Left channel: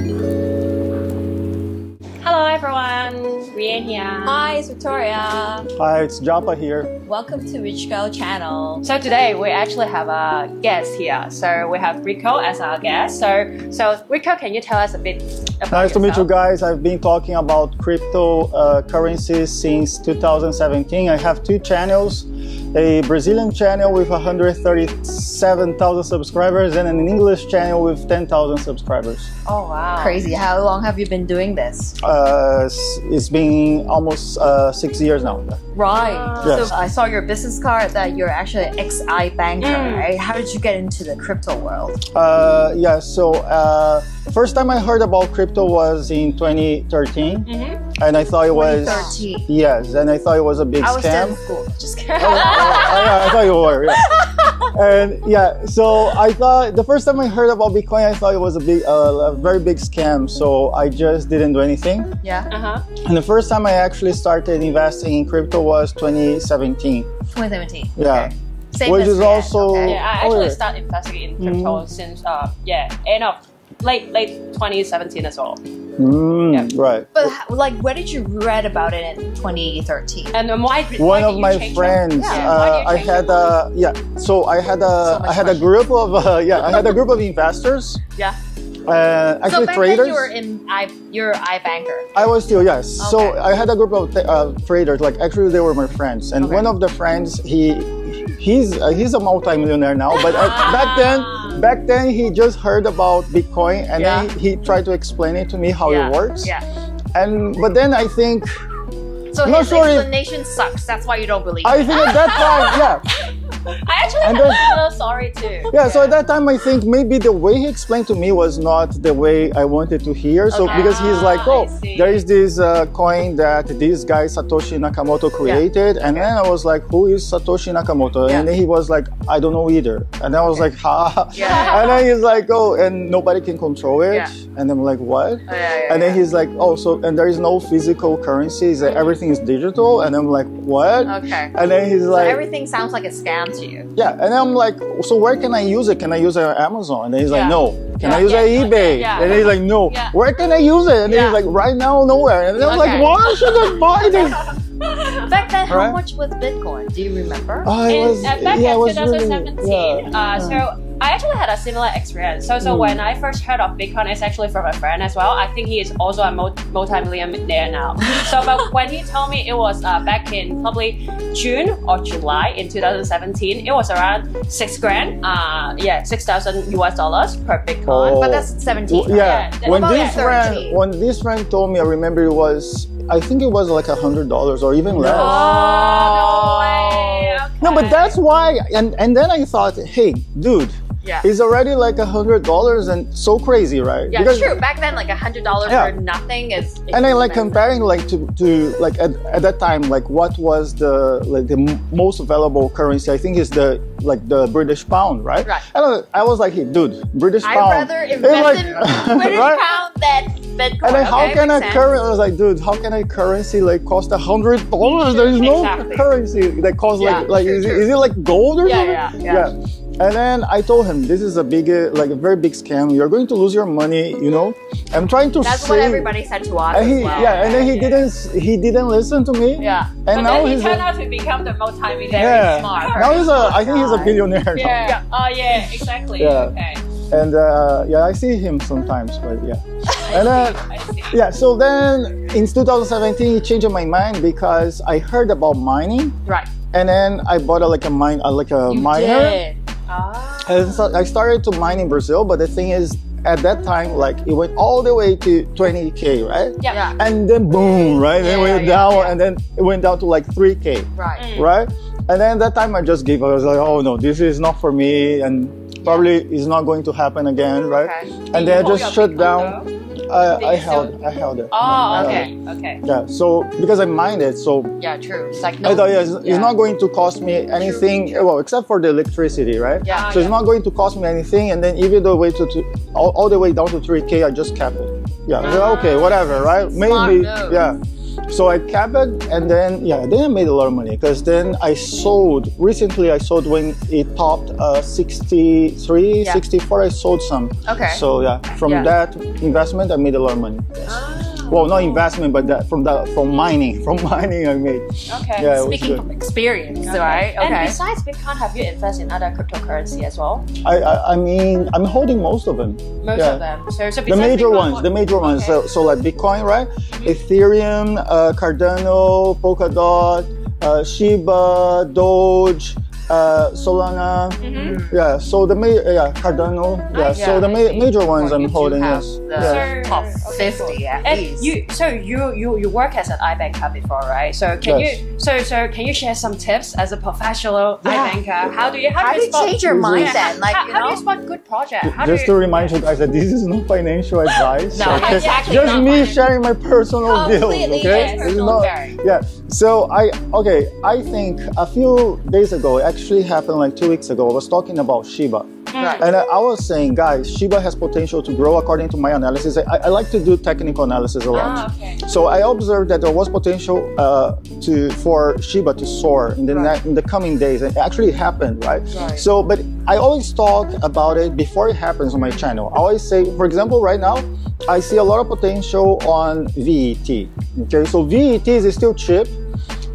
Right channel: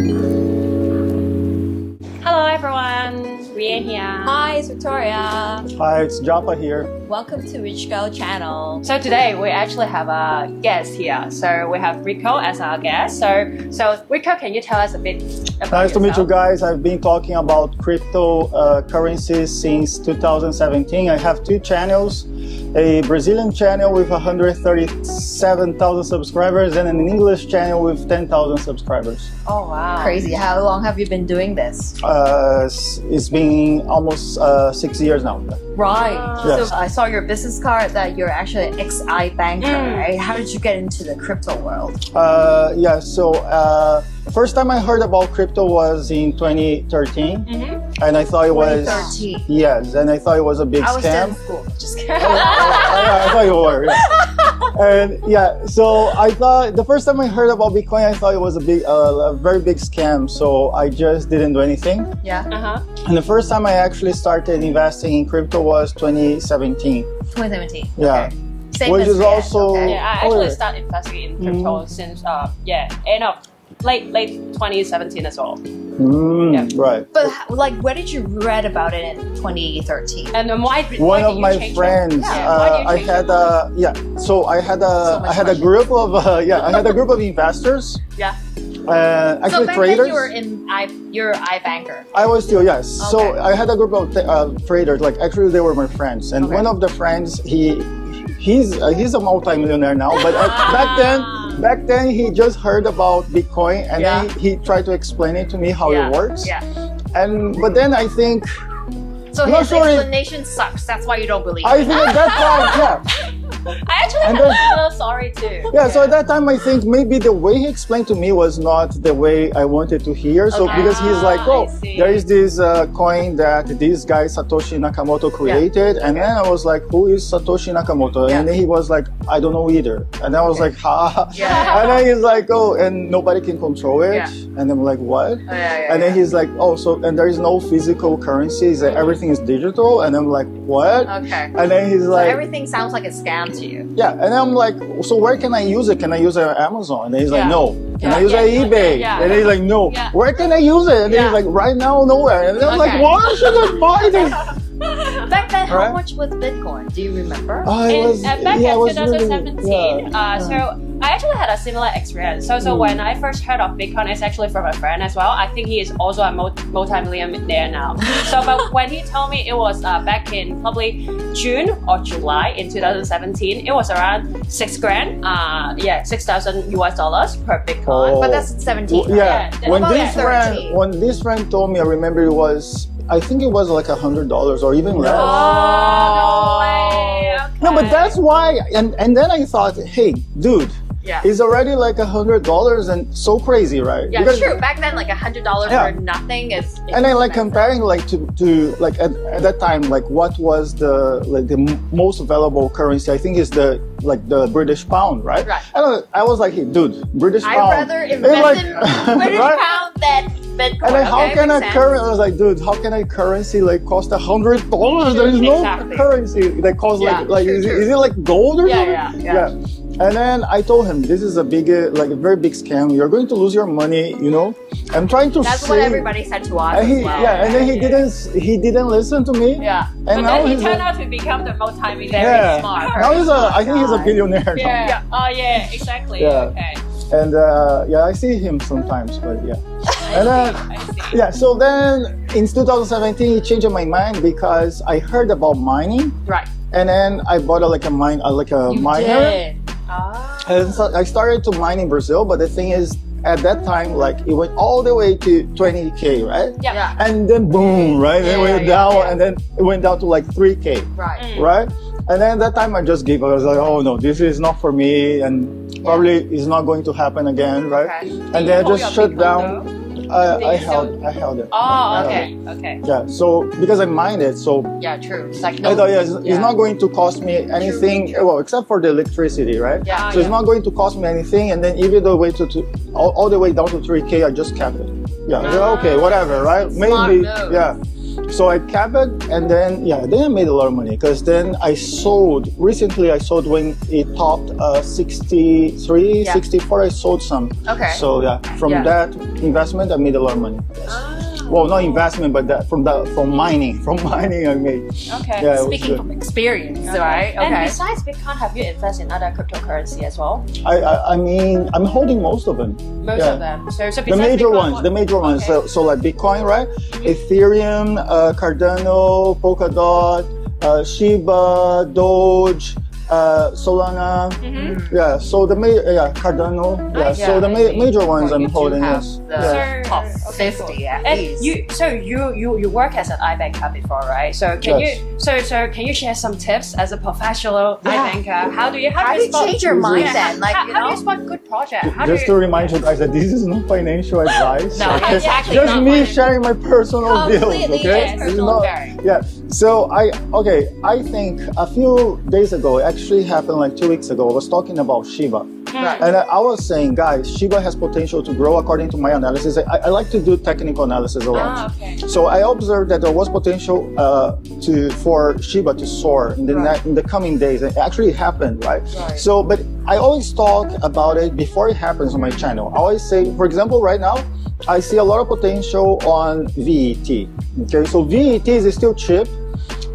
Hello everyone, Rian here. Hi, it's Victoria. Hi, it's Japa here. Welcome to Rich Girl channel. So today we actually have a guest here. So we have Rico as our guest. So Rico, can you tell us a bit about Nice to meet you yourself? guys. I've been talking about cryptocurrencies since 2017. I have two channels, a Brazilian channel with 137,000 subscribers and an English channel with 10,000 subscribers. Oh wow. Crazy. How long have you been doing this? It's been almost 6 years now. Right. Yes. So I saw your business card that you're actually an ex-I banker, right? How did you get into the crypto world? First time I heard about crypto was in 2013, and I thought it was 2013. yes, and I thought it was a big I was still scam. in school. Just kidding. I thought you were. Yeah. And yeah, so I thought the first time I heard about Bitcoin, I thought it was a very big scam. So I just didn't do anything. Yeah. And the first time I actually started investing in crypto was 2017. 2017. Yeah. Okay. Same Which as is me. also Okay. Yeah, I actually started investing in crypto since end of late 2017 as well. Right. But where did you read about it in 2013? And One of my friends, I had a group of investors. Yeah. Actually So back traders. then you were you're iBanker. I was still, yes. So Okay. I had a group of traders. Like actually, they were my friends, and Okay. one of the friends, he's a multi-millionaire now. But back then he just heard about Bitcoin, and then he tried to explain it to me how it works. Yeah. But then I think So I'm not his sure if- explanation sucks. That's why you don't believe I it. think at that time, I actually And have then- a similar story too. yeah. So at that time, I think maybe the way he explained to me was not the way I wanted to hear. So Okay. because he's like, I oh, see. there is this coin that this guy Satoshi Nakamoto created, and then I was like, who is Satoshi Nakamoto? And then he was like, I don't know either. And then I was like, ha. And then he's like, oh, and nobody can control it. Yeah. And I'm like, what? And then he's like, oh, so and there is no physical currencies, that everything is digital. And I'm like, what? Okay. And then he's So like, everything sounds like a scam to you. yeah, and I'm like, so where can I use it? Can I use it on Amazon? And then he's like, Yeah. no. Can I use it on eBay? Yeah. And then he's like, no. Yeah. Where can I use it? And then he's like, right now, nowhere. And then I'm like, why should I buy this? Back then, how Right. much was Bitcoin? Do you remember? I was, Back yeah, I in was 2017, really, so I actually had a similar experience. So when I first heard of Bitcoin, it's actually from a friend as well. I think he is also a multi-millionaire now. But when he told me it was back in probably June or July in 2017, it was around $6,000. $6,000 per Bitcoin. Oh. But that's 17. Well, yeah, Yeah, when about this 13. friend told me, I remember it was, I think it was like $100 or even less. Oh, no way. No, but Okay. that's why, and then I thought, hey, dude, Yeah. it's already like $100 and so crazy, right? Yeah, true. Back then, like $100 Yeah. for nothing is. And then like comparing like to like at that time, like what was the most valuable currency? I think is the British pound, right? Right. And I was like, hey, dude, British I'd pound. rather It's invest like- in British right? pound than Bitcoin. And then how Okay, can a makes sense. currency? I was like, dude, how can a currency like cost $100? There is no Exactly. currency that costs Yeah, is it like gold or something? Yeah. And then I told him, this is a very big scam. You're going to lose your money, you know. I'm trying to That's save. what everybody said to us. And as well. and then he didn't listen to me. Yeah. And But now then he he's turned out to become the multi-millionaire. yeah. Now I think he's a billionaire now. Yeah. Oh yeah. Exactly. Yeah. Okay. And I see him sometimes, but yeah. And then I see. yeah, so then in 2017, it changed my mind because I heard about mining, Right. and then I bought a miner. Did. And so I started to mine in Brazil, but the thing is, at that time, like it went all the way to 20K, right? Yeah. And then boom, right? And it went down, and then it went down to like 3K, Right. right? And then that time I just gave up. I was like, oh no, this is not for me, and probably it's not going to happen again, right? Okay. And then I just shut down. I held it. Oh, okay. Okay. Yeah, so because I mined it, so Yeah, true. It's like I thought, yeah, it's not going to cost me anything, well, except for the electricity, right? Yeah. So it's not going to cost me anything, and then even the way all the way down to 3K, I just kept it. Yeah, I was like, okay, whatever, right? Smart Maybe, move. yeah. So I kept it, and then I made a lot of money because then I sold. Recently, I sold when it topped 63, 64. I sold some. Okay. So from that investment, I made a lot of money. Yes. Well, not investment, but from mining. From mining, I made. Okay. Yeah, Speaking of experience, right? And Okay. besides Bitcoin, have you invested in other cryptocurrency as well? I mean, I'm holding most of them. Most of them. So The besides major Bitcoin, ones. So like Bitcoin, right? Ethereum, Cardano, Polkadot, Shiba, Doge, Solana. Yeah. So the Cardano. Yeah. So the major ones I'm holding. Yes. The top 50 at and least. you work as an iBanker before, right? So can you share some tips as a professional iBanker? How do you spot, change your mindset? Like, how do you spot good project? Just to remind you guys that this is not financial advice. No, Okay? it's actually just not me financial. sharing my personal bills. Completely, Okay. yes, This is not- very. yeah. So I think a few days ago, it actually happened like 2 weeks ago. I was talking about Shiba. Right. And I was saying, guys, Shiba has potential to grow according to my analysis. I like to do technical analysis a lot. okay. So I observed that there was potential for Shiba to soar in the coming days. And it actually happened, right? So, but I always talk about it before it happens on my channel. I always say, for example, right now, I see a lot of potential on VET. Okay, so VET is still cheap.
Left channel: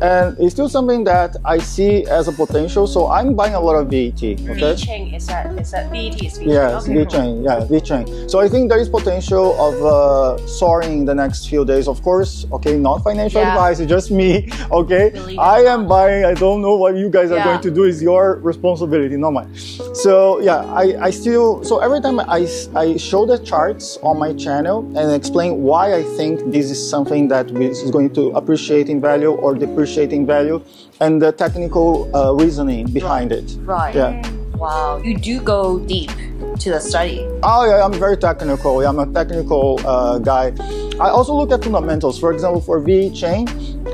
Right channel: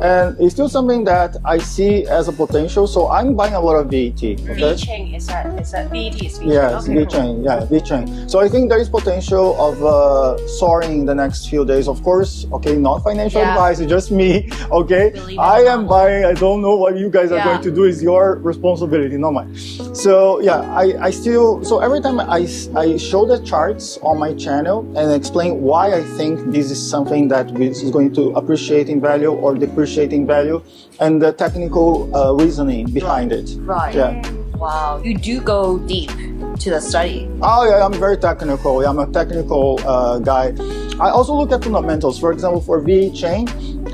And it's still something that I see as a potential, so I'm buying a lot of VET. Okay. VeChain is that VET is VeChain. Yes, VeChain. Yeah, VeChain. So I think there is potential of soaring in the next few days. Of course, okay, not financial advice. It's just me. Okay, Believe I it. am buying. I don't know what you guys are going to do. Is your responsibility, not mine. So yeah, I still. So every time I show the charts on my channel and explain why I think this is something that is going to appreciate in value or depreciate in value, and the technical reasoning behind it. Right. Yeah. Wow. You do go deep to the study. Oh, yeah, I'm very technical. Yeah, I'm a technical guy. I also look at fundamentals. For example, for VeChain,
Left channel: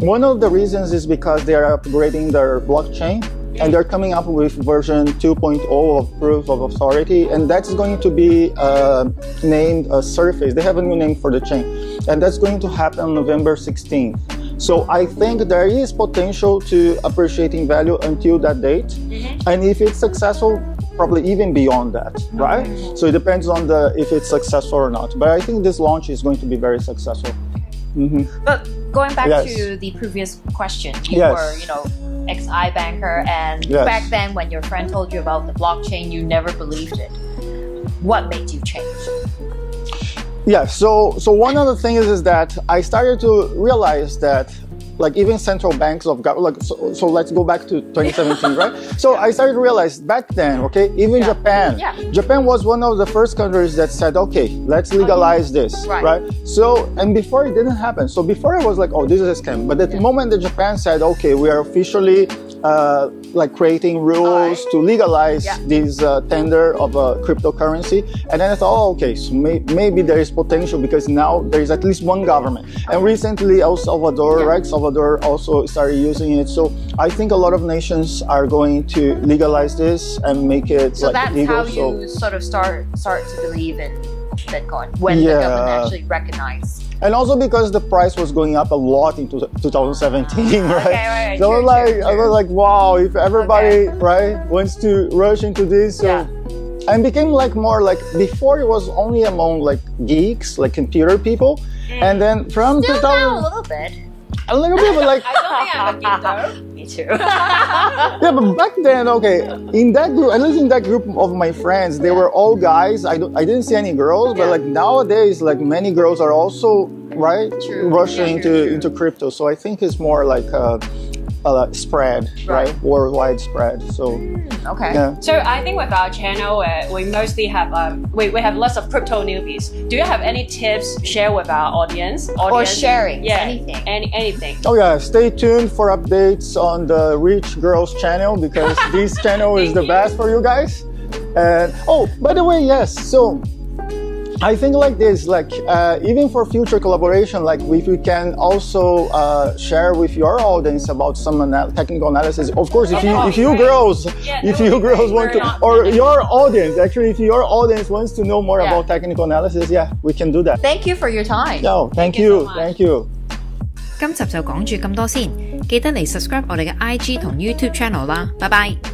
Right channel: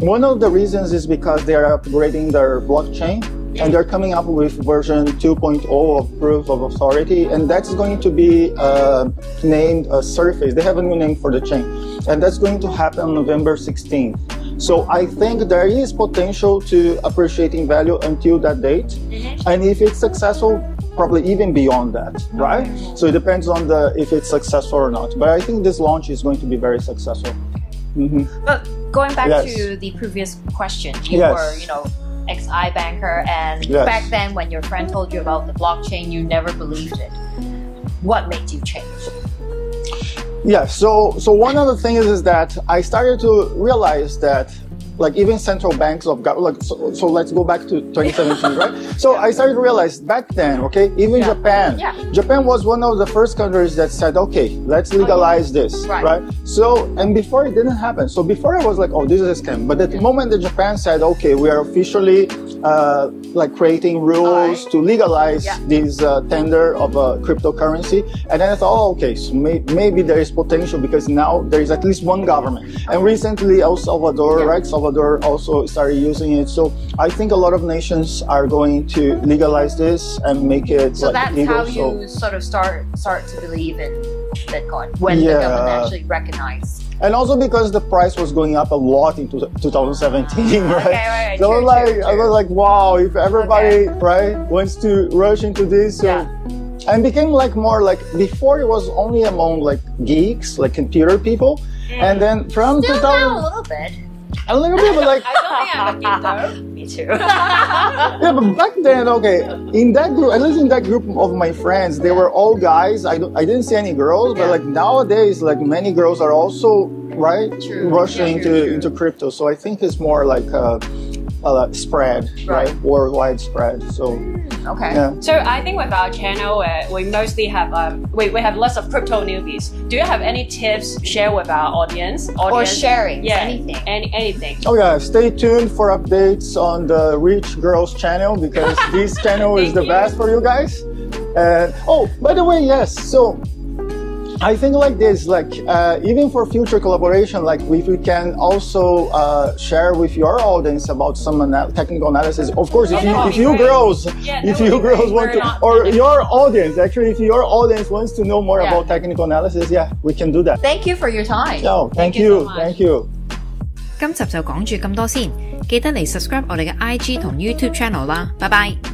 one of the reasons is because they are upgrading their blockchain and they're coming up with version 2.0 of proof of authority, and that's going to be named Surface. They have a new name for the chain, and that's going to happen on November 16th. So I think there is potential to appreciating value until that date, and if it's successful, probably even beyond that, right? So it depends on if it's successful or not. But I think this launch is going to be very successful. But going back Yes. to the previous question, you Yes. were, ex-iBanker, and Yes. back then when your friend told you about the blockchain, you never believed it. What made you change? Yeah, so one of the things is that I started to realize that like even central banks of so let's go back to 2017, right? So I started to realize back then, okay, even Japan was one of the first countries that said, okay, let's legalize this, right? So, and before it didn't happen. So before I was like, oh, this is a scam. But at the moment that Japan said, okay, we are officially like creating rules to legalize this tender of a cryptocurrency, and then I thought, oh, okay, so maybe there is potential because now there is at least one government. And recently, El Salvador, right? Salvador also started using it. So I think a lot of nations are going to legalize this and make it So that's legal. how you sort of start to believe in Bitcoin when the government actually recognized. And also because the price was going up a lot in 2017, right? right, So true, I was like, wow, if everybody wants to rush into this, so and became like more like before it was only among like geeks, like computer people, and then from 2000 a little bit. a little bit but like I don't think I'm a geek, Me too. yeah, but back then, okay, in that group, at least in that group of my friends, they were all guys. I didn't see any girls, but like nowadays, like many girls are also rushing into crypto. So I think it's more like a spread, right? Worldwide spread. So yeah. So I think with our channel, we mostly have we have lots of crypto newbies. Do you have any tips share with our audience? Or sharing anything. Anything. Oh yeah, stay tuned for updates on the Rich Girls channel because this channel is the best for you guys. Oh, by the way, yes. So I think like this, like even for future collaboration, like if we can also share with your audience about some technical analysis. Of course, if you girls want to, or your audience, actually, if your audience wants to know more about technical analysis, we can do that. Thank you for your time. No, thank you. So much. Thank you. 今集就講住咁多先，記得嚟 subscribe 我哋嘅 IG 同 YouTube channel 啦，拜拜。